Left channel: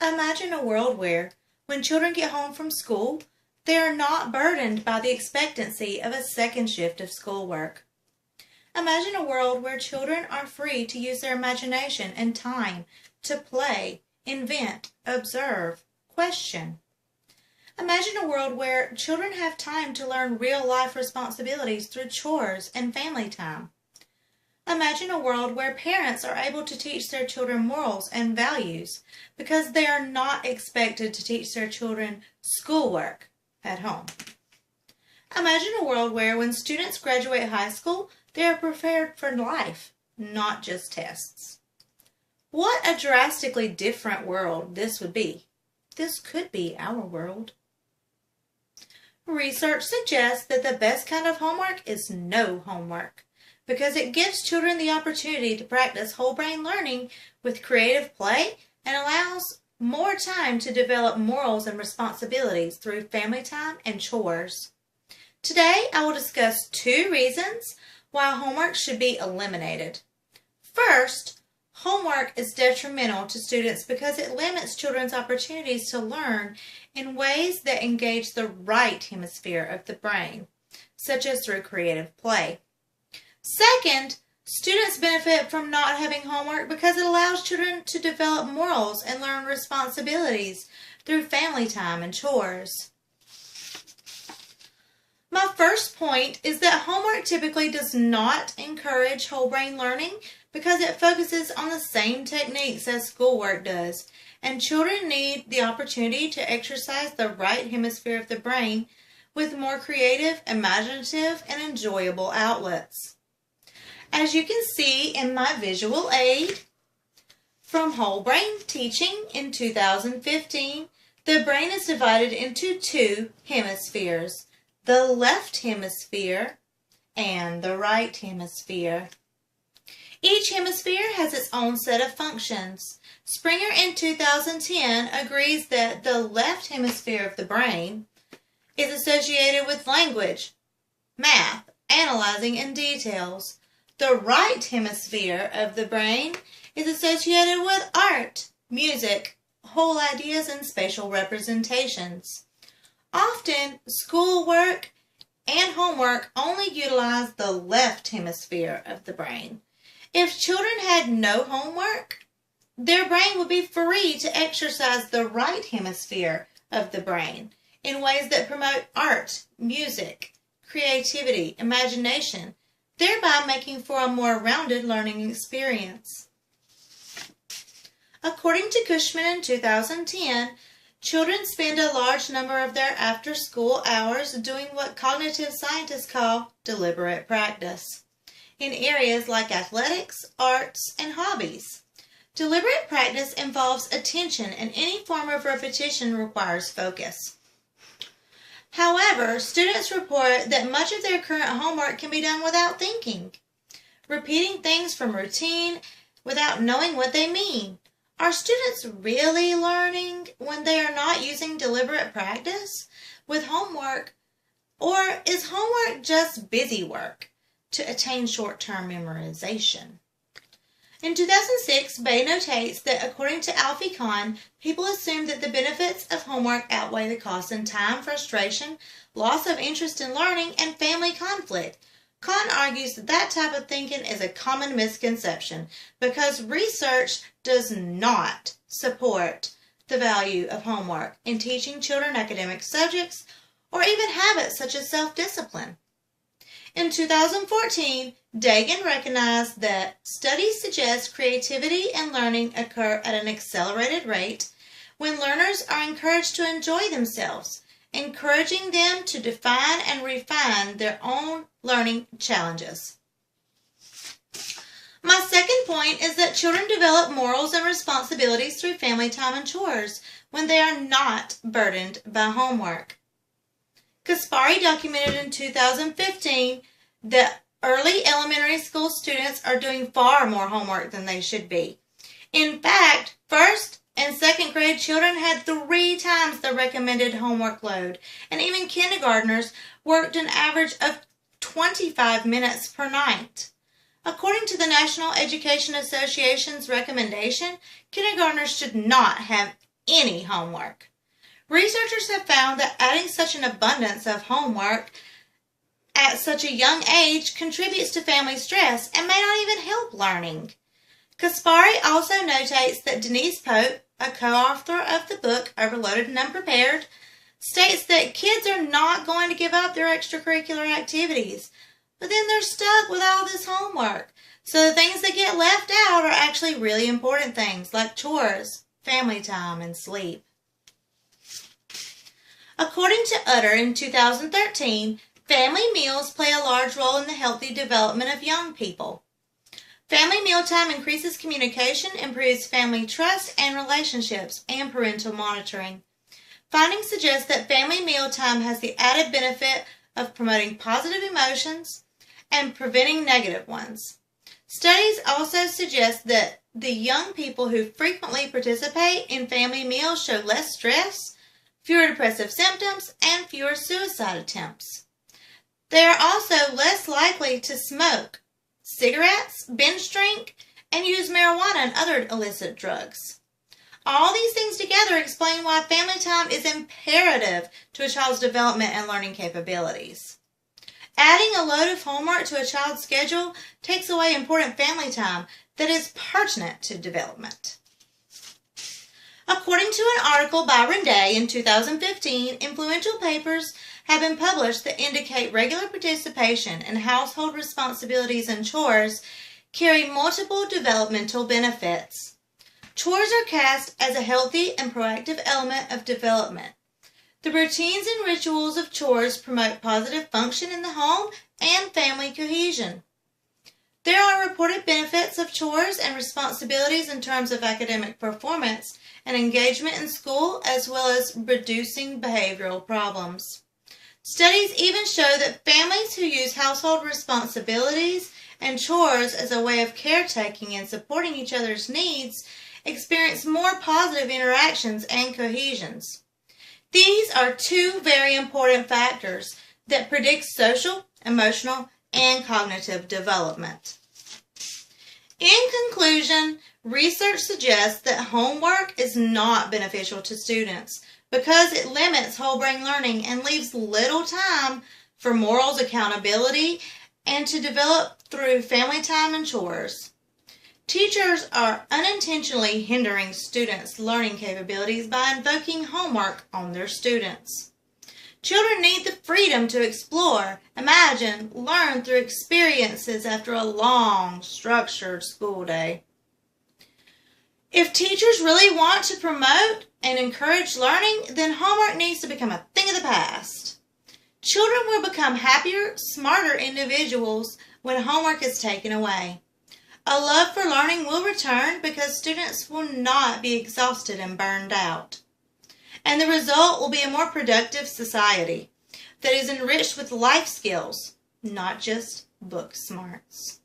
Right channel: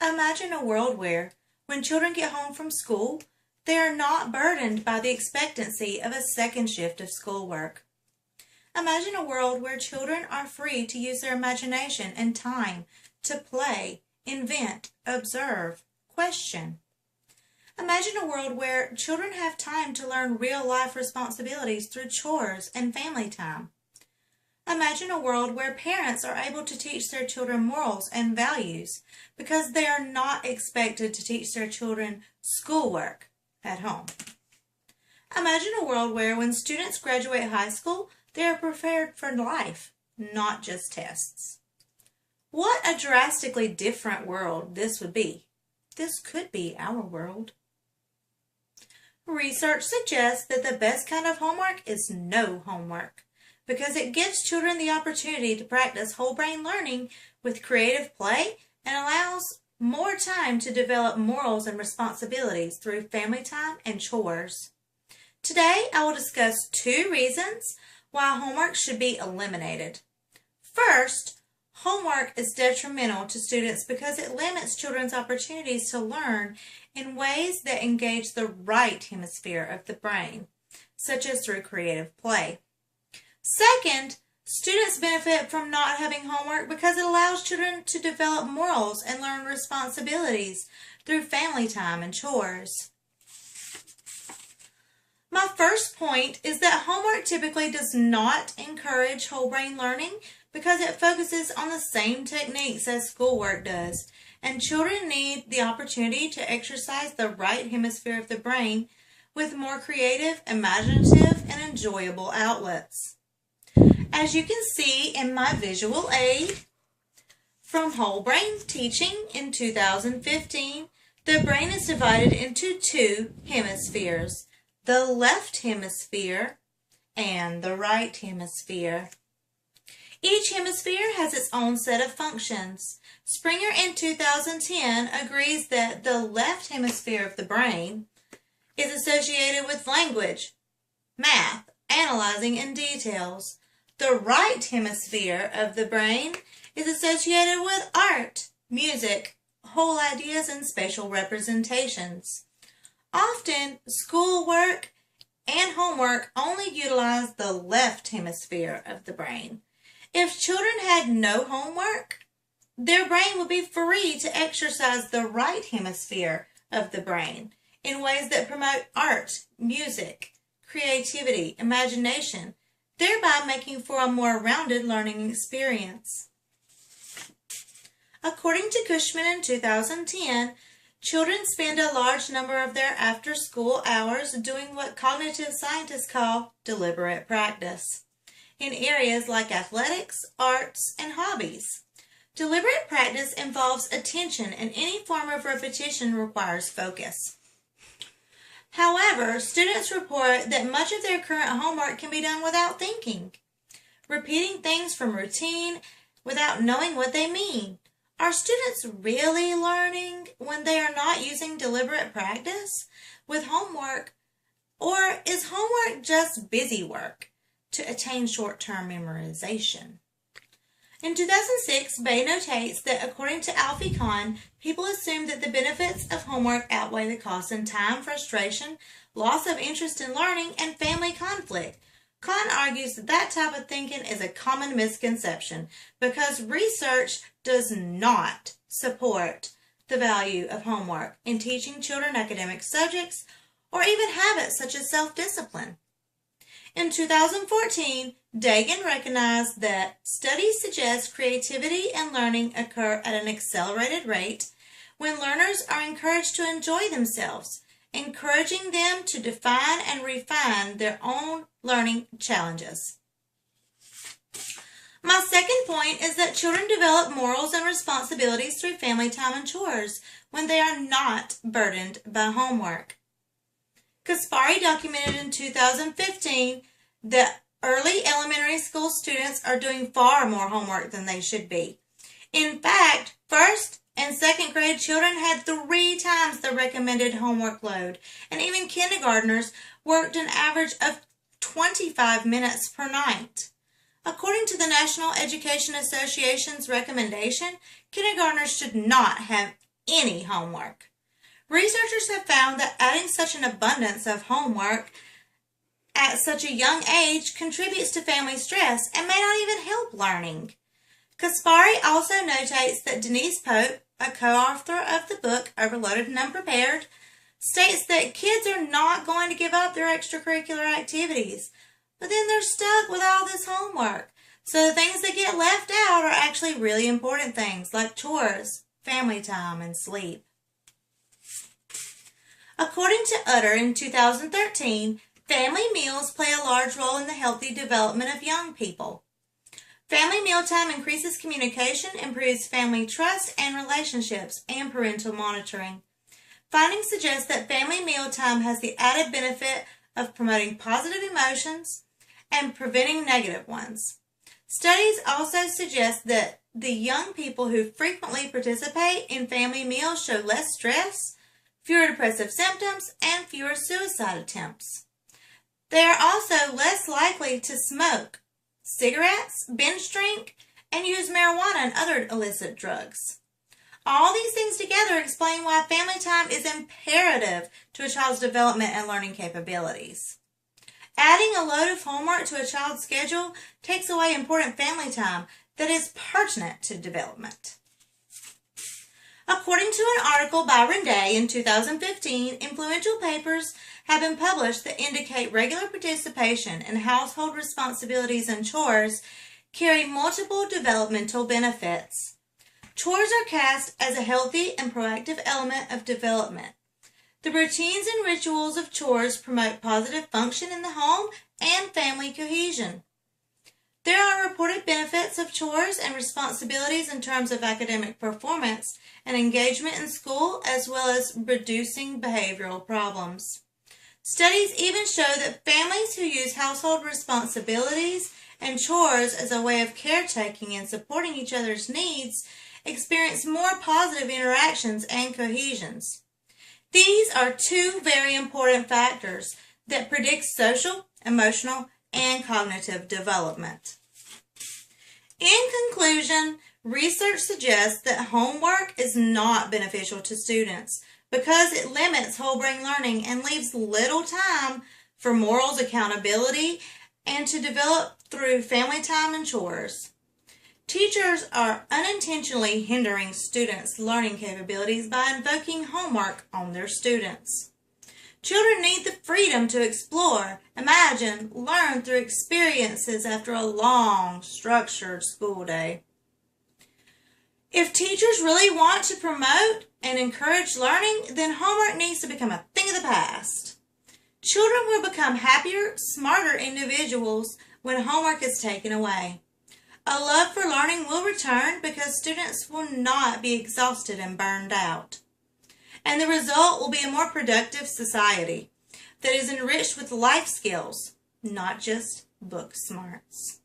Imagine a world where, when children get home from school, they are not burdened by the expectancy of a second shift of schoolwork. Imagine a world where children are free to use their imagination and time to play, invent, observe, question. Imagine a world where children have time to learn real-life responsibilities through chores and family time. Imagine a world where parents are able to teach their children morals and values because they are not expected to teach their children schoolwork at home. Imagine a world where when students graduate high school, they are prepared for life, not just tests. What a drastically different world this would be. This could be our world. Research suggests that the best kind of homework is no homework, because it gives children the opportunity to practice whole brain learning with creative play and allows more time to develop morals and responsibilities through family time and chores. Today, I will discuss 2 reasons why homework should be eliminated. First, homework is detrimental to students because it limits children's opportunities to learn in ways that engage the right hemisphere of the brain, such as through creative play. Second, students benefit from not having homework because it allows children to develop morals and learn responsibilities through family time and chores. My first point is that homework typically does not encourage whole brain learning because it focuses on the same techniques as schoolwork does, and children need the opportunity to exercise the right hemisphere of the brain with more creative, imaginative, and enjoyable outlets. As you can see in my visual aid from Whole Brain Teaching in 2015, the brain is divided into 2 hemispheres, the left hemisphere and the right hemisphere. Each hemisphere has its own set of functions. Springer in 2010 agrees that the left hemisphere of the brain is associated with language, math, analyzing, and details. The right hemisphere of the brain is associated with art, music, whole ideas, and spatial representations. Often, schoolwork and homework only utilize the left hemisphere of the brain. If children had no homework, their brain would be free to exercise the right hemisphere of the brain in ways that promote art, music, creativity, imagination, thereby making for a more rounded learning experience. According to Cushman in 2010, children spend a large number of their after-school hours doing what cognitive scientists call deliberate practice in areas like athletics, arts, and hobbies. Deliberate practice involves attention, and any form of repetition requires focus. However, students report that much of their current homework can be done without thinking, repeating things from routine without knowing what they mean. Are students really learning when they are not using deliberate practice with homework, or is homework just busy work to attain short-term memorization? In 2006, Bay notates that according to Alfie Kahn, people assume that the benefits of homework outweigh the costs in time, frustration, loss of interest in learning, and family conflict. Kahn argues that that type of thinking is a common misconception because research does not support the value of homework in teaching children academic subjects or even habits such as self-discipline. In 2014, Dagan recognized that studies suggest creativity and learning occur at an accelerated rate when learners are encouraged to enjoy themselves, encouraging them to define and refine their own learning challenges. My second point is that children develop morals and responsibilities through family time and chores when they are not burdened by homework. Kaspari documented in 2015 that early elementary school students are doing far more homework than they should be. In fact, first and second grade children had 3 times the recommended homework load, and even kindergartners worked an average of 25 minutes per night. According to the National Education Association's recommendation, kindergartners should not have any homework. Researchers have found that adding such an abundance of homework at such a young age contributes to family stress and may not even help learning. Kaspari also notates that Denise Pope, a co-author of the book Overloaded and Unprepared, states that kids are not going to give up their extracurricular activities, but then they're stuck with all this homework. So the things that get left out are actually really important things like chores, family time, and sleep. According to Utter in 2013, family meals play a large role in the healthy development of young people. Family mealtime increases communication, improves family trust and relationships, and parental monitoring. Findings suggest that family mealtime has the added benefit of promoting positive emotions and preventing negative ones. Studies also suggest that the young people who frequently participate in family meals show less stress, fewer depressive symptoms, and fewer suicide attempts. They are also less likely to smoke cigarettes, binge drink, and use marijuana and other illicit drugs. All these things together explain why family time is imperative to a child's development and learning capabilities. Adding a load of homework to a child's schedule takes away important family time that is pertinent to development. According to an article by Renday in 2015, influential papers have been published that indicate regular participation in household responsibilities and chores carry multiple developmental benefits. Chores are cast as a healthy and proactive element of development. The routines and rituals of chores promote positive function in the home and family cohesion. There are reported benefits of chores and responsibilities in terms of academic performance and engagement in school, as well as reducing behavioral problems. Studies even show that families who use household responsibilities and chores as a way of caretaking and supporting each other's needs experience more positive interactions and cohesions. These are two very important factors that predict social, emotional, and cognitive development. In conclusion, research suggests that homework is not beneficial to students because it limits whole brain learning and leaves little time for morals, accountability, and to develop through family time and chores. Teachers are unintentionally hindering students' learning capabilities by invoking homework on their students. Children need the freedom to explore, imagine, learn through experiences after a long, structured school day. If teachers really want to promote and encourage learning, then homework needs to become a thing of the past. Children will become happier, smarter individuals when homework is taken away. A love for learning will return because students will not be exhausted and burned out. And the result will be a more productive society that is enriched with life skills, not just book smarts.